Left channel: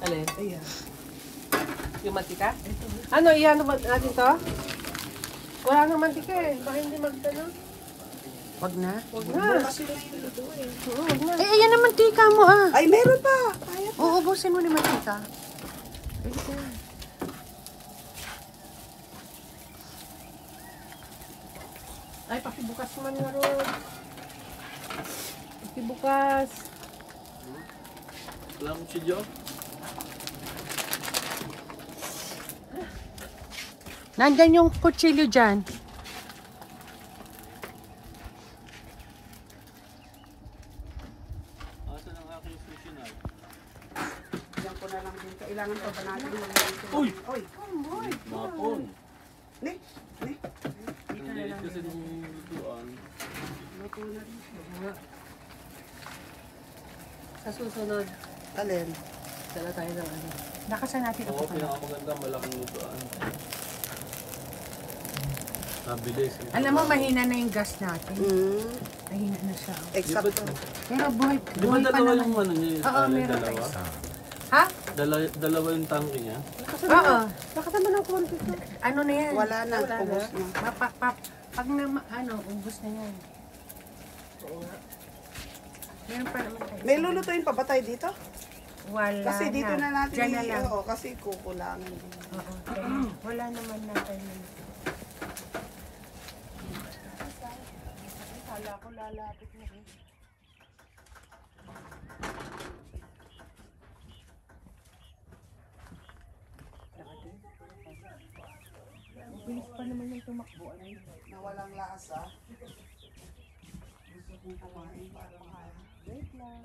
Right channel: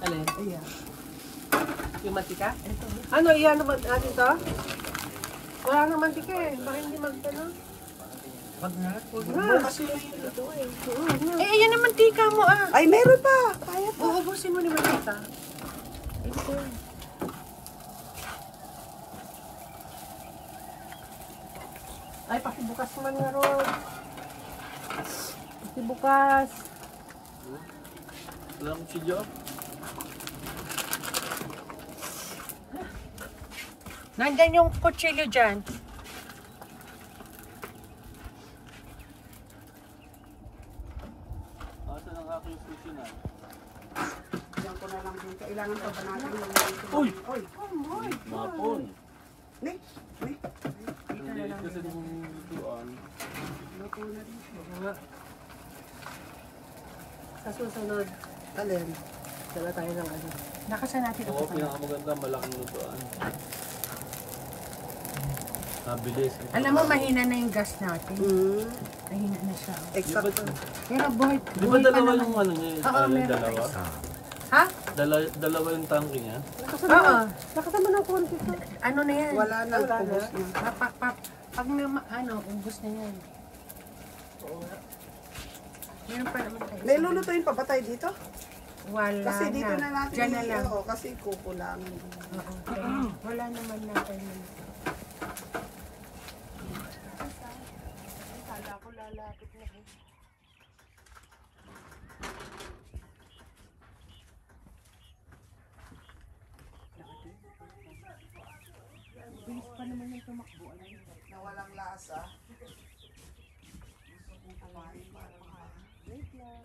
Alin? Ayan. Yung mantika? Ano, iyan naman natin to? Wala nang mantika eh. Baka hindi magtano. Wag na. Huwag na. Kasi lang yung ito eh. Eh, iyan ang mantika mo ah. Ay, meron pa. Kaya pa. Uubusin mo ni mantika. Ay, pakibukas man nga ron. Pakibukas. Wala akong sidyo. Nandyan yung kutsilyo dyan. Asa ng aking sushi na? Diyan ko na lang din. Kailangan pa ba natin ng Uy! Uy! Mapon. Ne? Ne? Ang liit kasi ng lutuan. Luto na rin. Sa susunod, Alin? dala tayo ng ano. Nakasan natin Oo, pinakamaganda, malaking lutuan. Nabilis. Alam mo, mahina na yung gas natin. Mahina na siya. Exacto. Pero buhay Di ba pa dalawa naman. yung ano niya? Oo, meron pa Dalawa? isa. Ha? Dalawa yung tangke niya? Oo. Nakasama ng konti ko. Ano na yan? Wala na. Ubus na. Pag na, ano, ubus na yan. Oo nga. Meron pa naman tayo. May lulutuin pa ba tayo dito? Wala Kasi dito na natin. Diyan na lang. Oo, kasi kukulangan. Oo. Wala naman na tayo. Kala ko lalapit na eh. Bilis pa naman yung tumakbo. Na walang lasa. Gusto kong kumain para makain. Wait lang.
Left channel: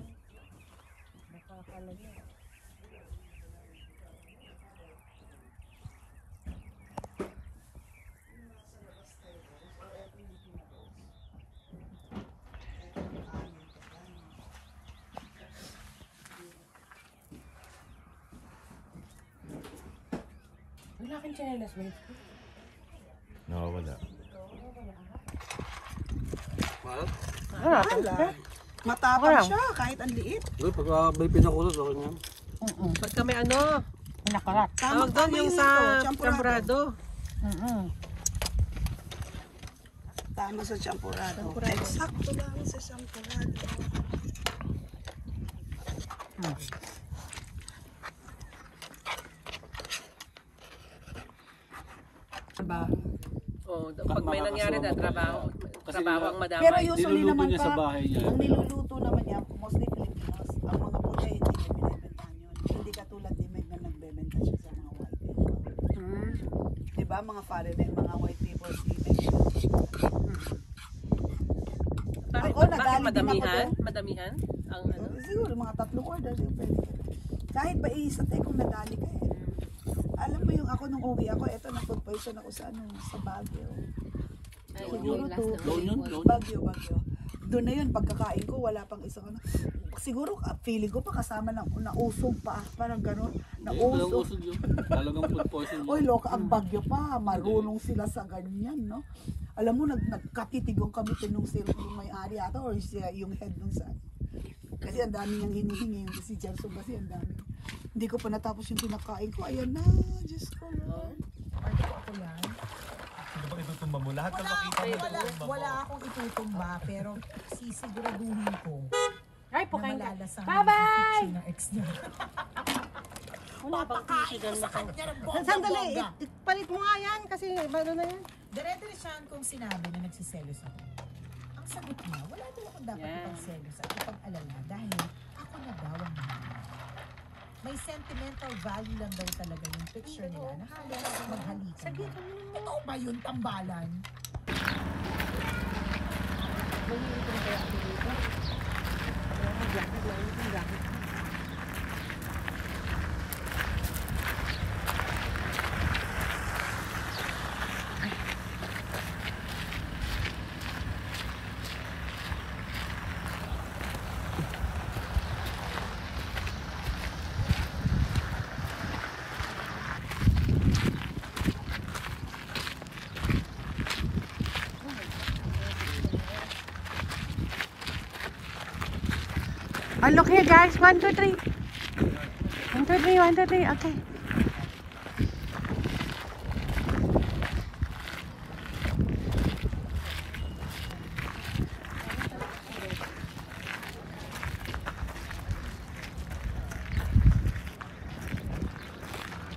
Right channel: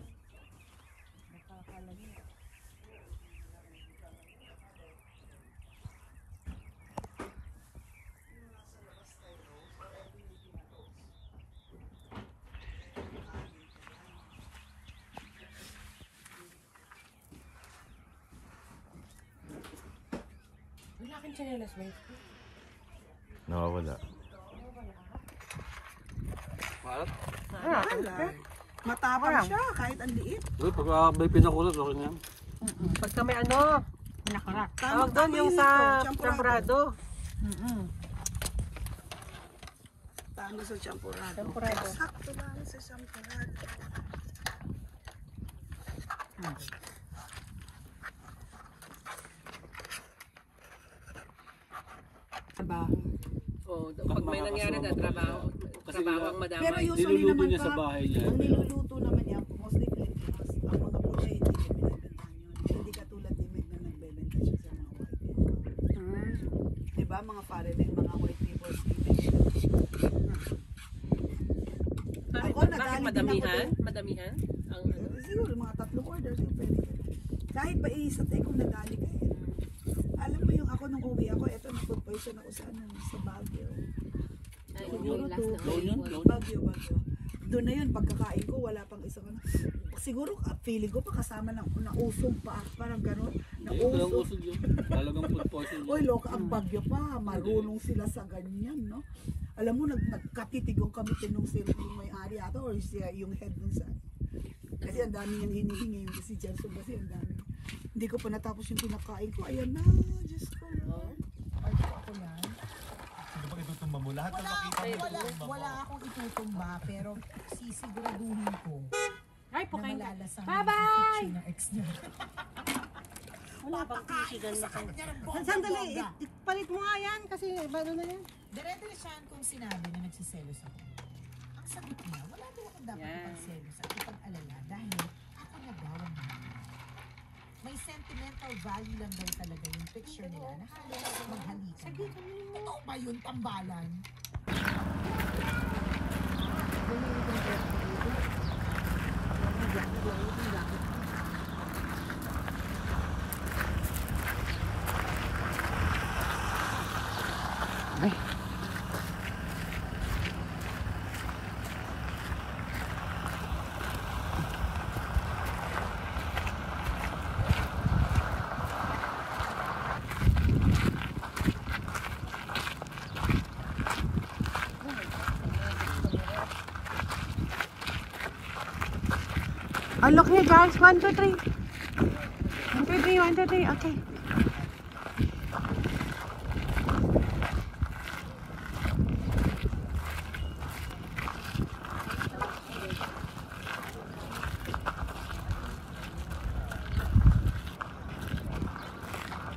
Nakakala niya. Wala kang chanelas, wait. Nawawala. What? Matapang siya kahit ang liit. Uy, pagka may pinakulot, okay na yun. Pagka may ano, nakarat. Tama yung sa champurado. champorado. Tama sa champurado. Eksakto lang sa champurado. Trabaho. Oh, pag may nangyari na trabaho, trabaho ang madamay. Pero usually Niluluto naman niya sa ka, bahay niya. ang niluluto naman niya, mostly Filipinos, ang mga puti hindi niya binibentahan yun. Hindi katulad ni Meg na nagbebenta siya sa mga white people. Diba mga foreigner, mga white people, si Meg. Bakit madamihan? Madamihan? Ang ano? Siguro mga 3 orders yung pwede. Kahit ba isa tayo kung nadali ka eh. Alam mo yung ako nung uwi ako, eto na-food poison ako sa ano, sa Baguio. Ay, Siguro yung last to. na Doon yun? Doon? Bagyo. Doon na yun, pagkakain ko, wala pang isang ano. Siguro, feeling ko pa kasama ng nausog pa, parang gano'n. Hindi, walang Nausog. usog yun. Talagang food poison yun. Uy, loka, ang Bagyo pa, marunong sila sa ganyan, no? Alam mo, nagkatitigong kami nung yung may-ari ata, or siya, yung head nung sa. Kasi ang dami niyang hinihingi, yung si Janson kasi ang dami. Hindi ko pa natapos yung pinakain ko, ayan na, Diyos ko. Parte ko ako yan. Sino ba itutumba mo? Lahat na makita mo itutumba mo. Wala akong itutumba, pero sisiguraduhin ko Ay, na pukain ka. malalasang Bye-bye! ng ex niya. Wala bang tissue dyan makain? Sandali, Palit mo nga yan kasi ano na yan. dire-diretsahan kong sinabi na nagsiselos ako. Ang sagot niya, wala daw ako dapat Yan. ipagselos at ipag-alala dahil ako na daw ang nangyari. May sentimental value lang daw talaga yung picture nila na halos maghalikan. Totoo ba yun, tambalan? Oh, look here guys. 1, 2, 3. 1, 2, 3, 1, 2, 3. Okay.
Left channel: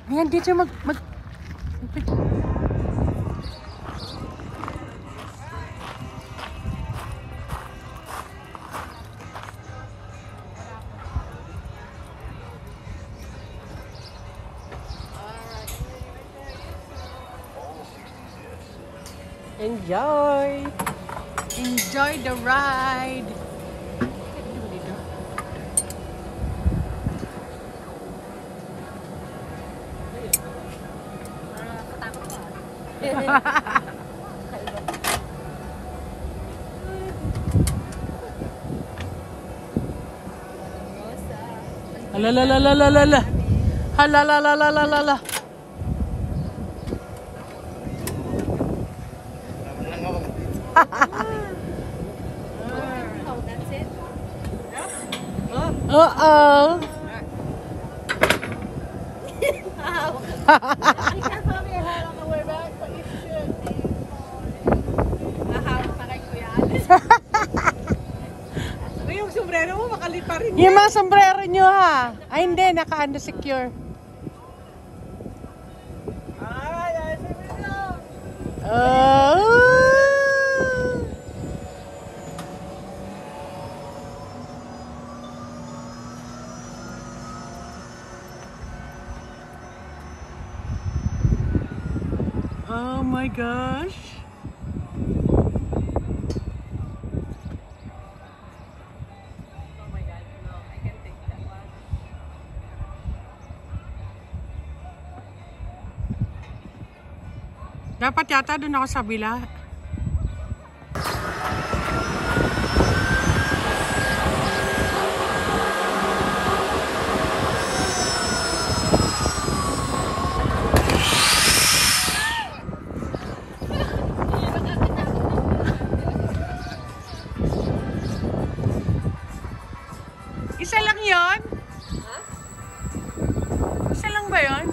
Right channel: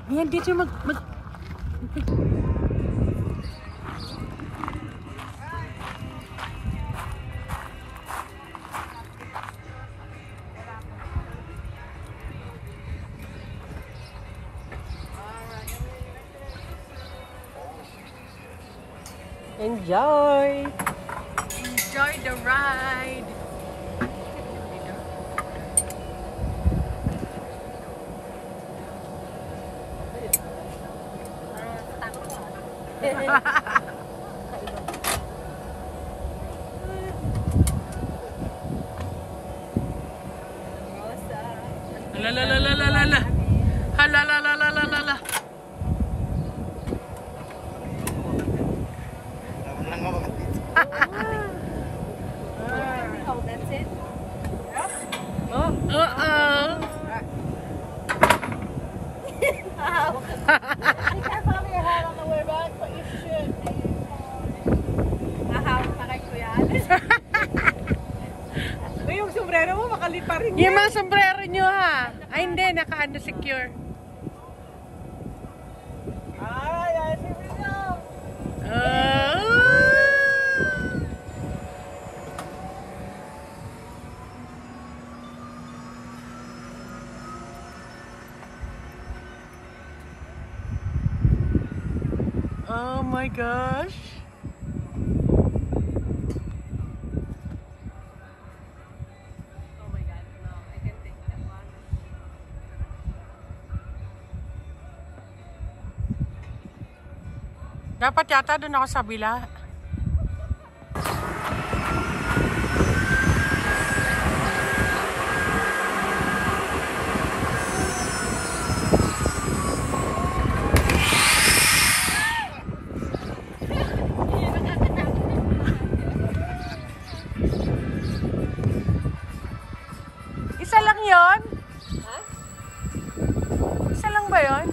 Ayan, dito mag... Enjoy! Enjoy the ride! Halalalalala. Halalalalala. Oh, that's it? Uh-oh. Be careful of your head on the way back, but you should be fine. Nahawak pa kay Kuya Alex. Yung sombrero mo, makalipa rin. Yung mga sombrero nyo ha. Ay hindi, naka-under secure. Alright, here we go. Oh my gosh. Oh my god, no, I can take that one. Dapat yata doon ako sa bila. Isa lang yon? Isa lang ba yon?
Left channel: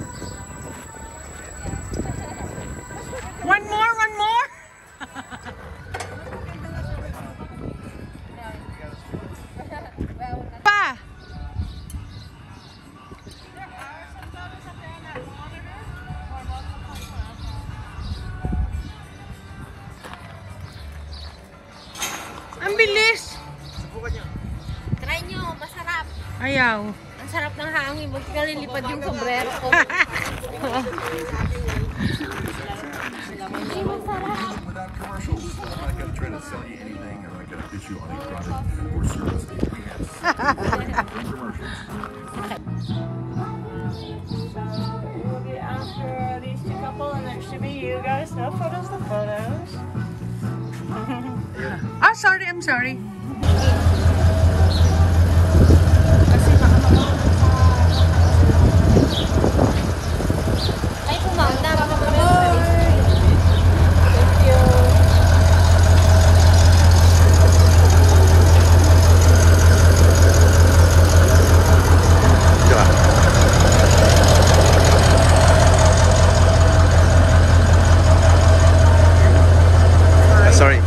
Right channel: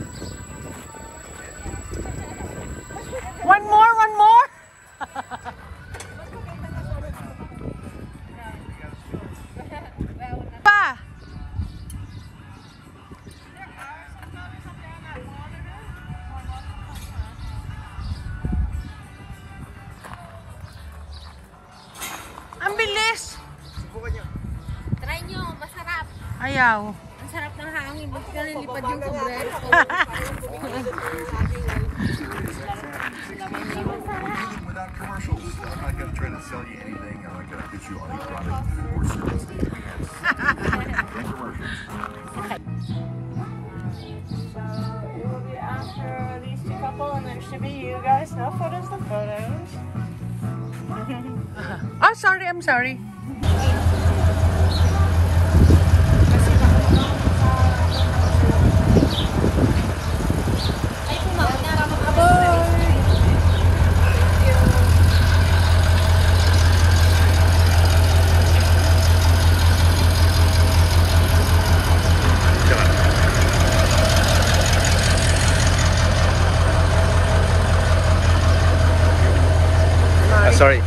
One more, one more? Pa! Ang bilis! Try nyo, masarap. Ayaw. Ang sarap ng hangin. Huwag ka lilipad yung sombrero ko. Without commercials, I'm not going to try to sell you anything. I'm not going to put you on a product or service. We'll be after these two couple, and it should be you guys. No photos, the photos. Ah, sorry, I'm sorry. Ay, kumanda. Sorry.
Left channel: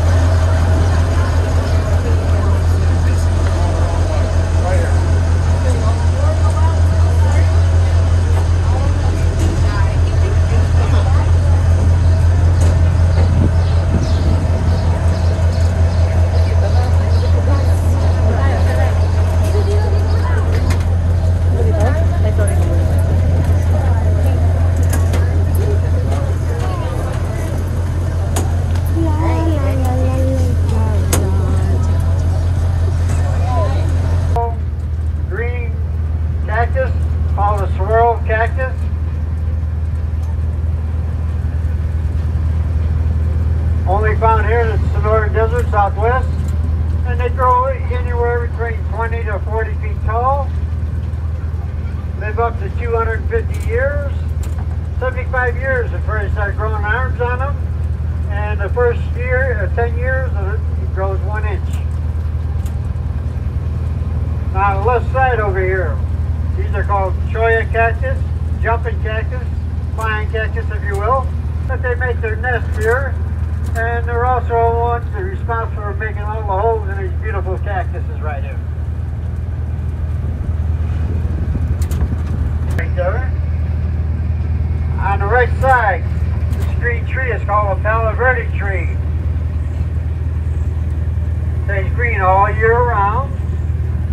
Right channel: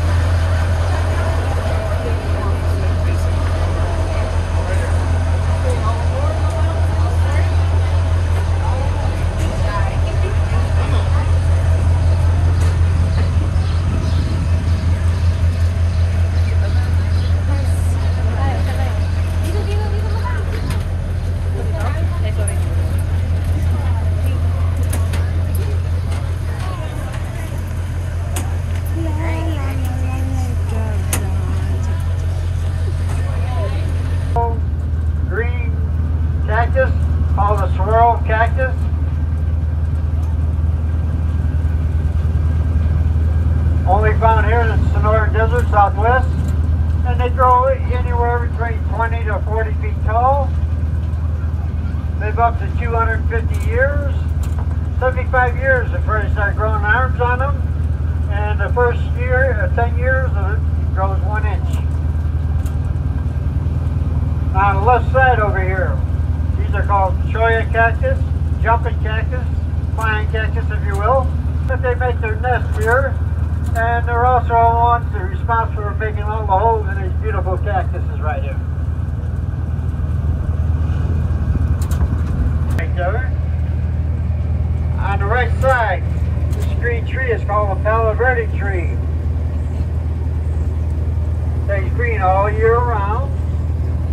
Called a swirl cactus. Only found here in the Sonora Desert, Southwest. And they grow anywhere between 20 to 40 feet tall. Live up to 250 years. 75 years before they start growing arms on them. And the first year, 10 years, it grows 1 inch. Now on the left side over here, these are called cholla cactus, jumping cactus, flying cactus if you will. But they make their nest here, and they're also the ones that are responsible for making all the holes in these beautiful cactuses right here. Right there. On the right side, this green tree is called a Palo Verde tree. Stays green all year round,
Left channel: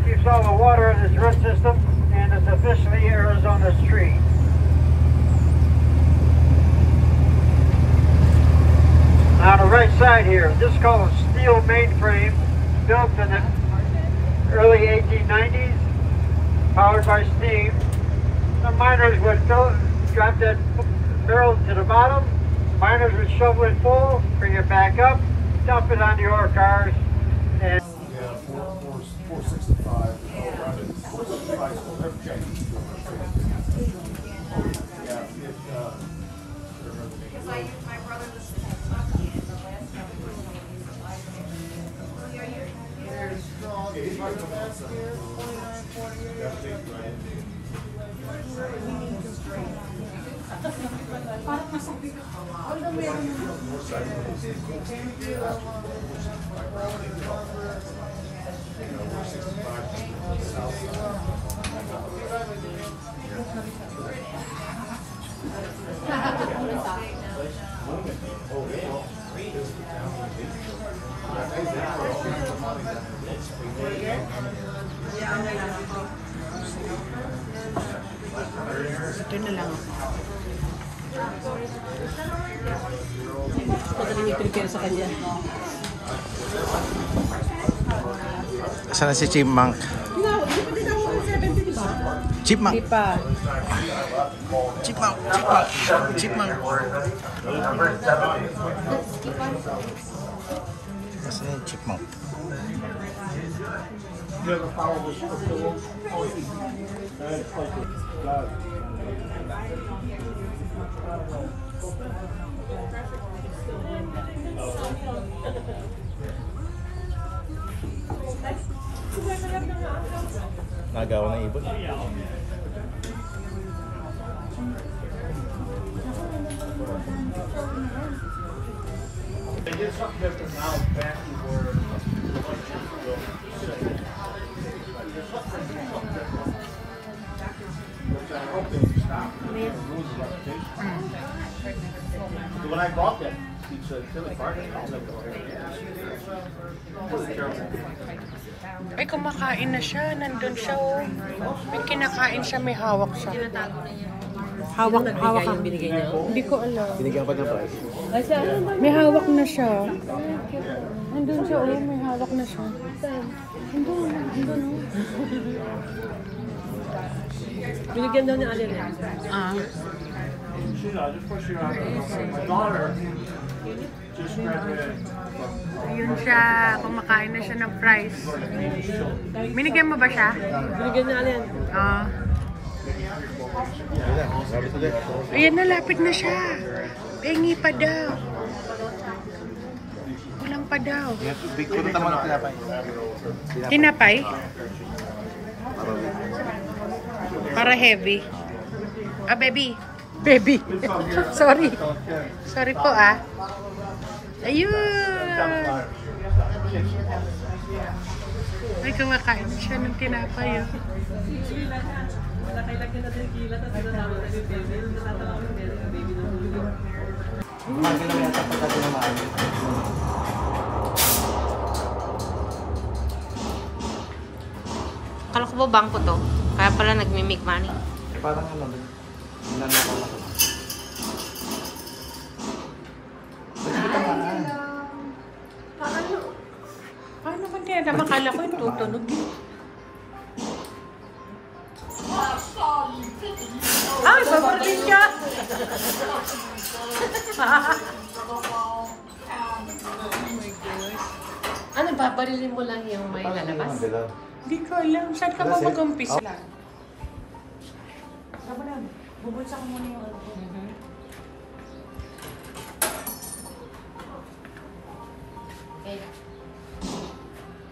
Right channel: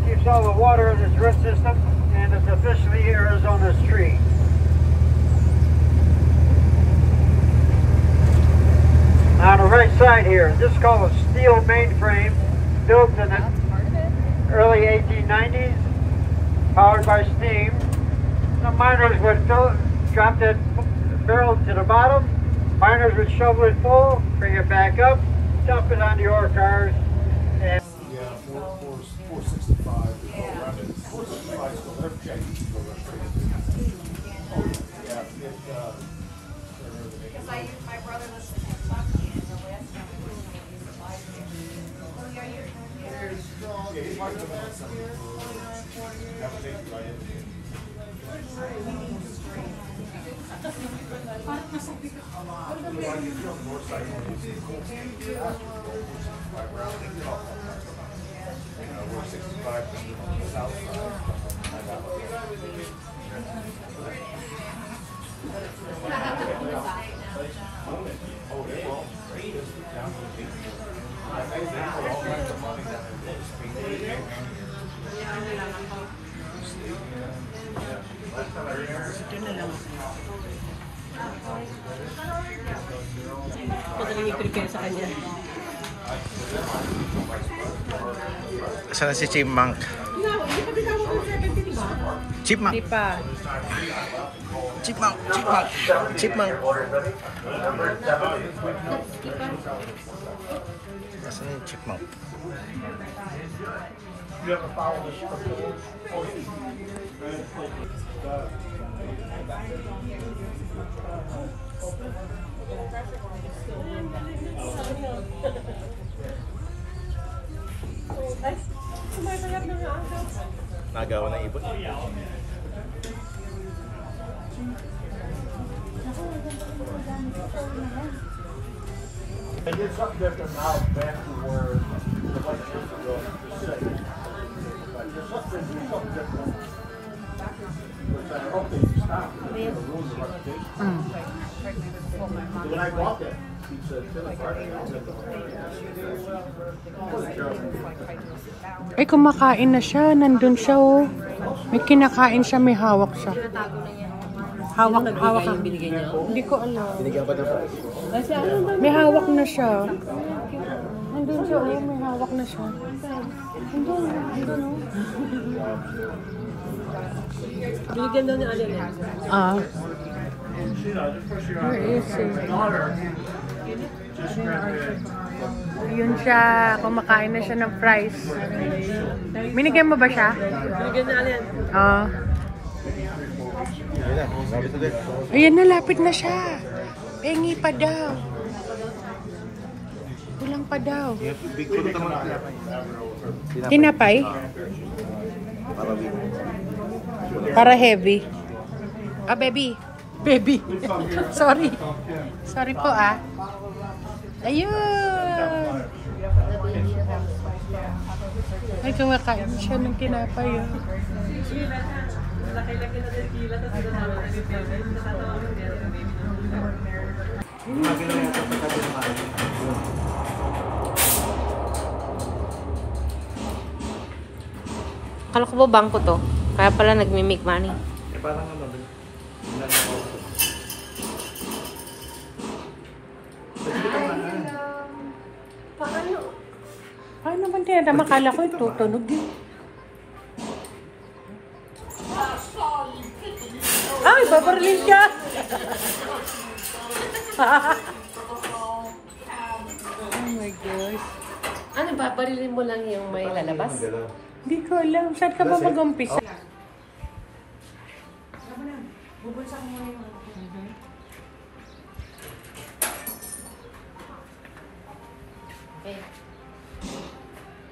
keeps all the water in its root system, and it's officially Arizona's tree. On the right side here, this is called a steel mainframe, built in the early 1890s, powered by steam. The miners would drop that barrel to the bottom, miners would shovel it full, bring it back up, dump it on the ore cars, and 465. Yeah, Because I used my brother was Madaling i-prepare sa kanya. Saan na si Chipmunk? Hindi pa tinawag ng 70, di ba? Chipmunk! Hindi pa. Chipmunk! Chipmunk! Chipmunk! Nasaan na yung Chipmunk? Nagawa ng ibon. They did something different now back to where the electric will sit. There's something different. Which I hope they stop. They're gonna ruin the reputation. When I brought that pizza to the party, I'll make it. Ay, kumakain na siya. Nandun siya, oh. May kinakain siya, may hawak siya. Hawak ang binigay niya. Hindi ko alam. Binigyan pa ng price. May hawak na siya. Nandun siya, oh. May hawak na siya. Nandun, oh. Binigyan daw niya alin yan. Ah. Where is it? Ayun siya. Kumakain na siya ng fries. Binigyan mo ba siya? Binigyan niya alin. Ah. Ayan, nalapit na siya. Pengi pa daw. Kulang pa daw. Tinapay? Para heavy. Ah, baby. Baby. Sorry. Sorry po, ah. Ayun. Ay, kumakain siya ng tinapay, oh. Kala ko ba bangko to? Kaya pala nagmi-make money. Parang ano din. Paano? Paano ba kaya naman? Akala ko tutunog din. Ay, babaril siya! Ano, babarilin mo lang yung may lalabas? Hindi ko alam. Saan ka ba mag-umpisa? Bubulsa ko muna yung ano.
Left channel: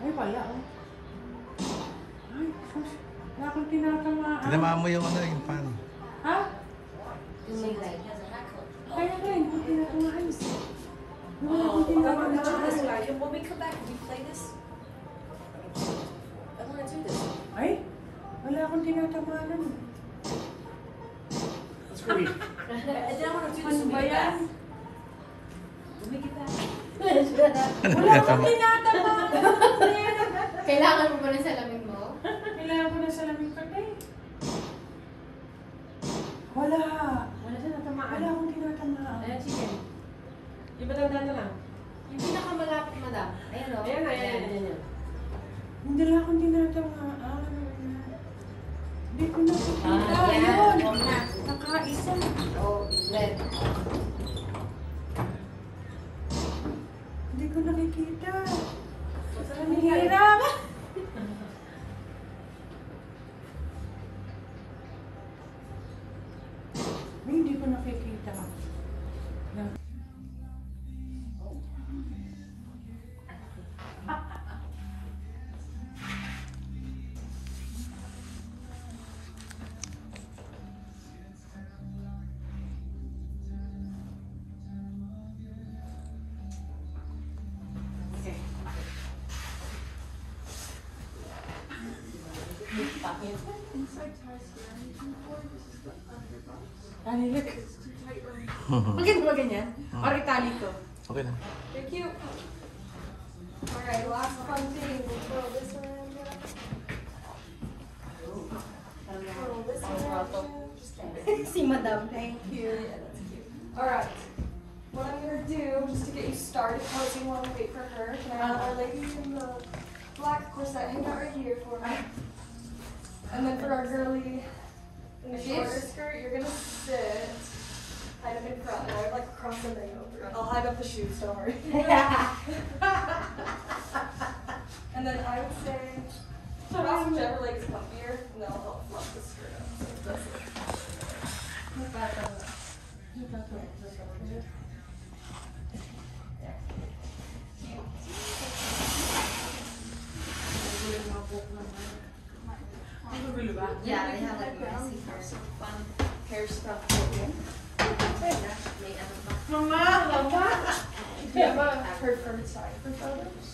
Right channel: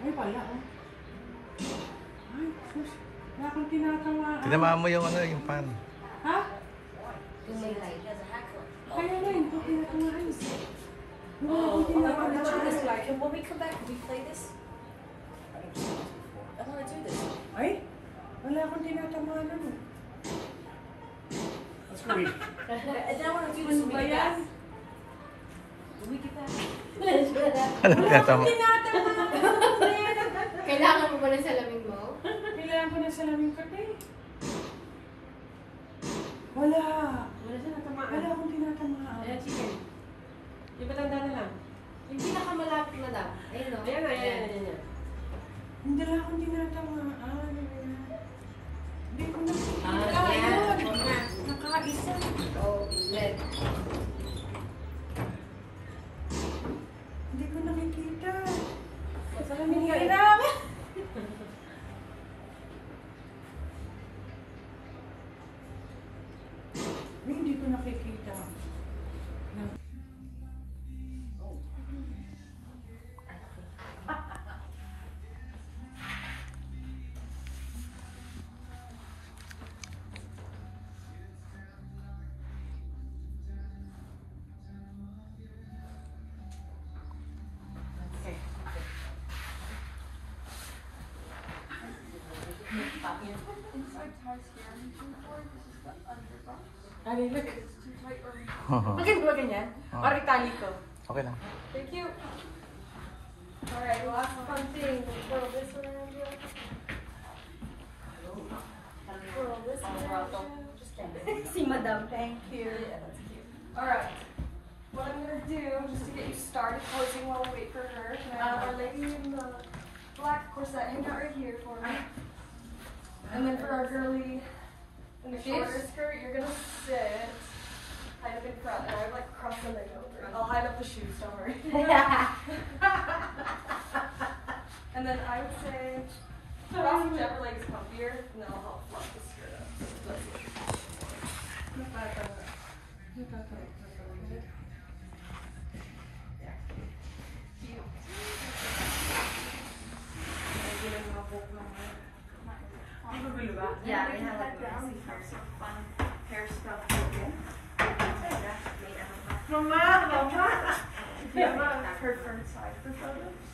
Ay, pala, oh. Ay, Wala akong tinatamaan. Tinamaan mo yung ano, yung pan. Ha? Kaya nga, hindi ko tinatamaan. Wala akong tinatamaan. When we come back, we play this. I want to do this. Ay, wala akong tinatamaan. That's great. And then I want to do this when we get back. When we get back. Ano tinatama? Kailangan mo ba ng salamin mo? Kailangan ko na salamin ko, te. Wala. Wala siya natamaan. Wala akong tinatamaan. Ayan, chicken. Di ba tanda na lang? Yung pinakamalapit, madam. Ayun o. Ayan, ayan. Hindi lang akong tinatamaan. Hindi ko nakikita. Yan. Ayun. Nakaisa. Oh, left. Hindi ko nakikita. Ang hirap. Hindi ko nakikita. Ali, look. Bakit ba ganyan? Or itali ko? Okay lang. Thank you. Alright, last fun thing. We'll throw this around here. Twirl this around. Just kidding. Si madam. Thank you. Yeah, that's cute. Alright. What I'm gonna do, just to get you started posing while we wait for her, can I have our lady in the black corset hang out right here for me? And then for our girly in the shorter skirt, you're gonna sit, hide up in front, and I would like cross the leg over. I'll hide up the shoes, don't worry. And then I would say, cross whichever leg is comfier, and then I'll help fluff the skirt up. Put that on the. Yeah, they have like messy fun hair stuff. Yeah, her front side for photos.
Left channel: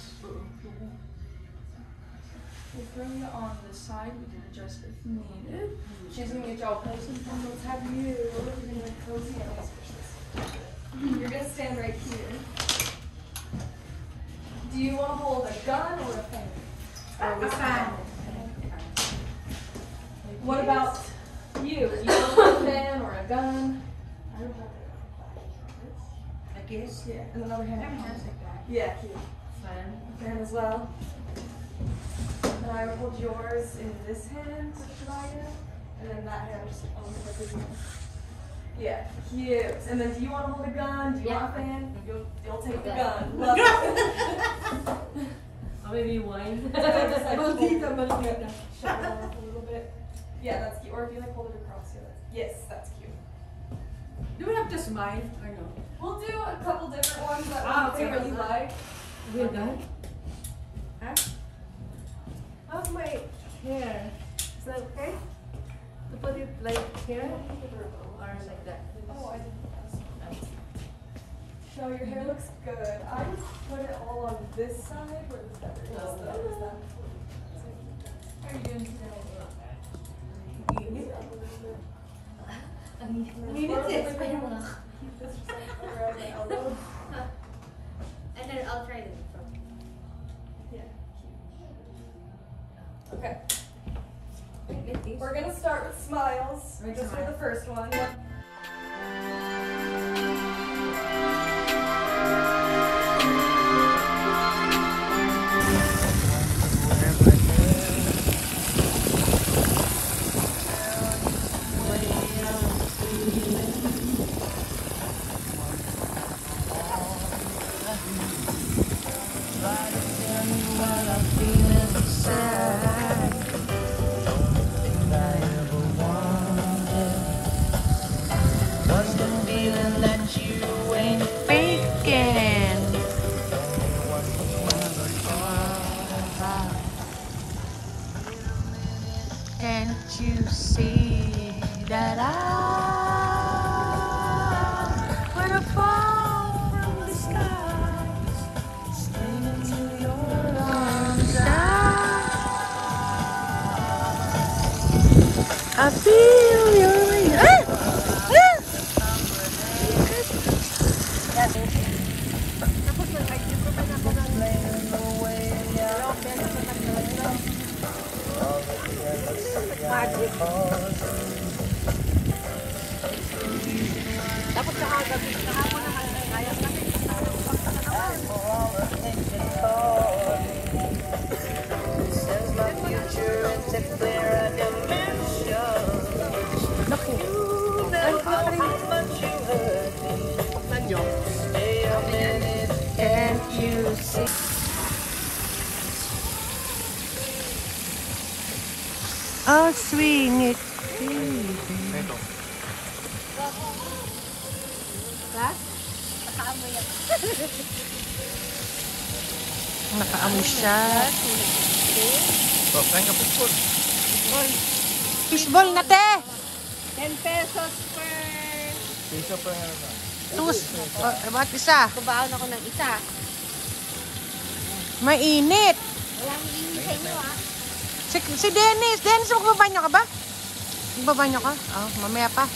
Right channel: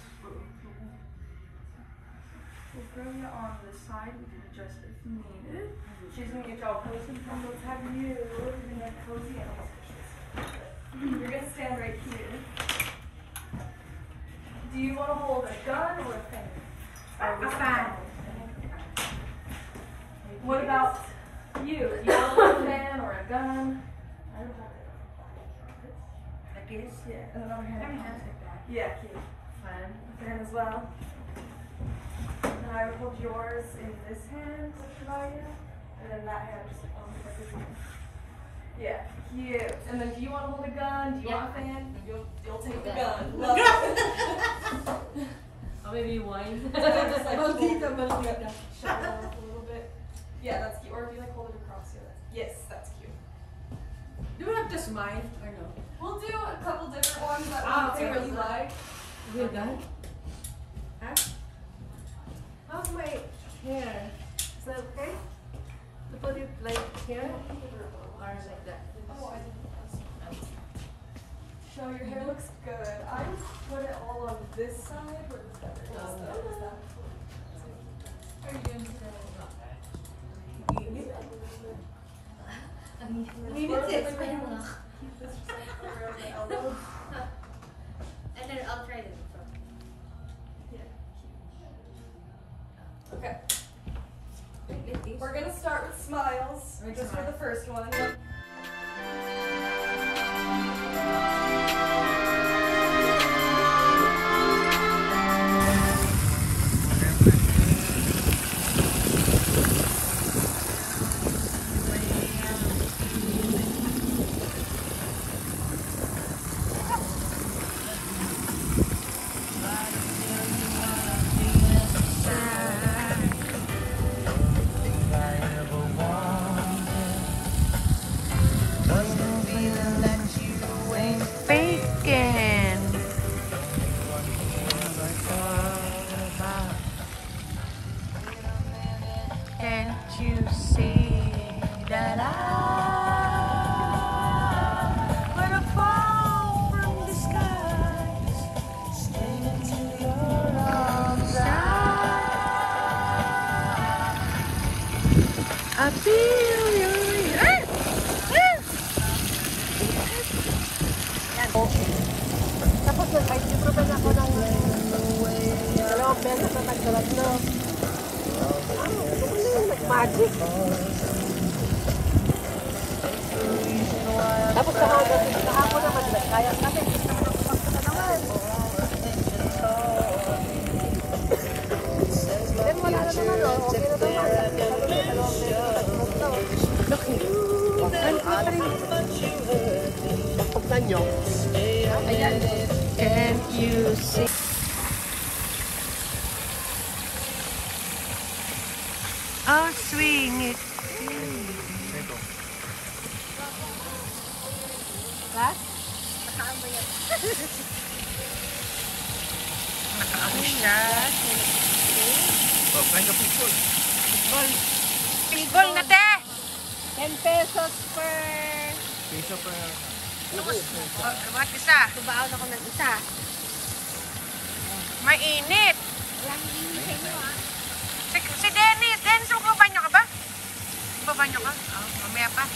We'll bring it on this side. We can adjust if needed. She's gonna get y'all cozy. Let's have you. We're gonna get cozy and nice. You're gonna stand right here. Do you want to hold a gun or a pen? Or a fan? What about you? Do you want a pen or a gun? I don't hold it. Like this? Yeah. And another hand. Yeah, cute. Fine. Hand as well. And I will hold yours in this hand, divided, and then that hand just on the other hand. Yeah, cute. And then do you want to hold a gun? Do you want a fan? You'll take the gun. Love it. Oh, maybe wine. Just like hold it up a little bit. Yeah, that's cute. Or if you like hold it across here. Yes, that's cute. Do we have to smile or no? We'll do a couple different ones that we really like. We're done? Huh? How's my hair? Is that okay? To put it like here? Or like that? Oh, I didn't. So your hair looks good. I would put it all on this side where the feather is. How are you doing today? Keep this just like around my elbow. And then I'll try this. Yeah. Okay. We're gonna start with smiles, just for the first one. Can't you see that I wanna fall from the skies straight into your arms? I feel your Tapos ay libro pa na ako ng 2 pesos na nagkalat na. Magic. Tapos sa ako naman kaya kasi then wala na naman. Laki. Ang patri. Pagnan nyo. Can't you see? I'll swing it. Ha? Nakaamoy yan. Nakaamoy siya. Fishball na te! 10 pesos per... Tapos, bakit isa? Kubaon ako ng isa. Mainit. Walang init sa inyo ah. Si Dennis. Dennis, magbabanyo ka ba? Magbabanyo ka? Oh, mamaya pa.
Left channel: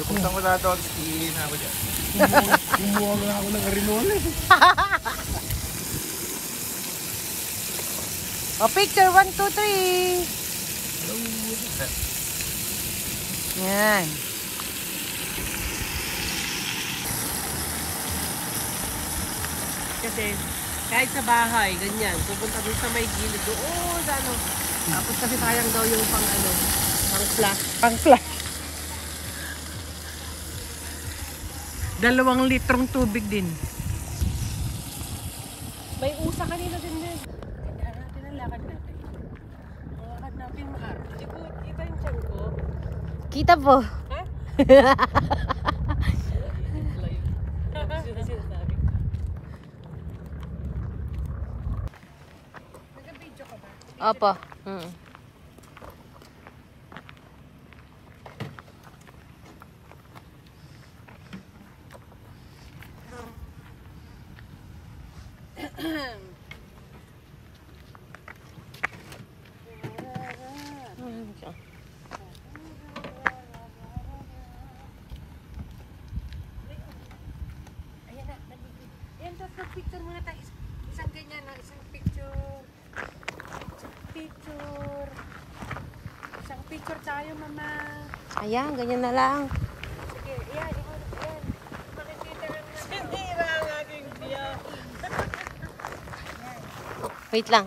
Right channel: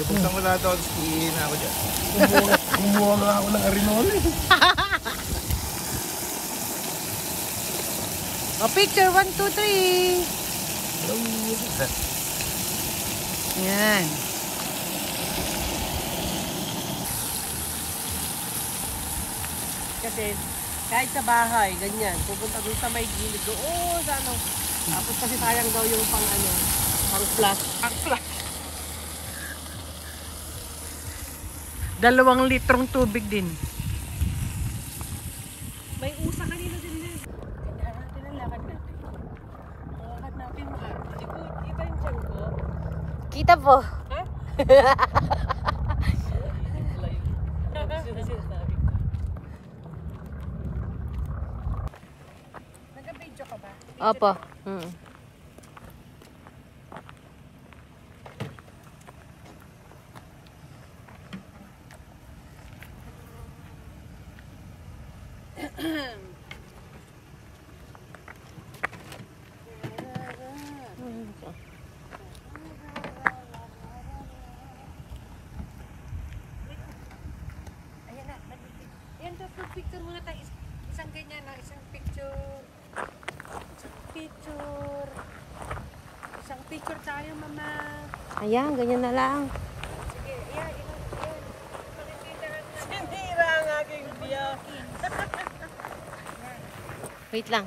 Punta mo na doon, iihin na ako dyan. Kumuha nga ako ng arinol eh. O, picture. 1, 2, 3. Yan. Kasi kahit sa bahay, ganyan, pupunta doon sa may gilid doon sa ano. Tapos kasi sayang daw yung pang ano, pang flash. Pang flash. 2 litrong tubig din. May usa kanina din din. Kaya natin ang lakad natin. Ang lakad natin maarte. Di ko, iba yung tiyan ko. Kita po. Ha? Hindi pala yun. Tapos yun na sinasabi ko. Nag-video ka ba? Opo. Ayan na, nag-video. Ayan, picture muna tayo. Isang ganyan, no? Isang picture. Isang picture tayo, mama. Ayan, ganyan na lang. Sige, ayan, ayan. Sinira ang aking biya. Wait lang.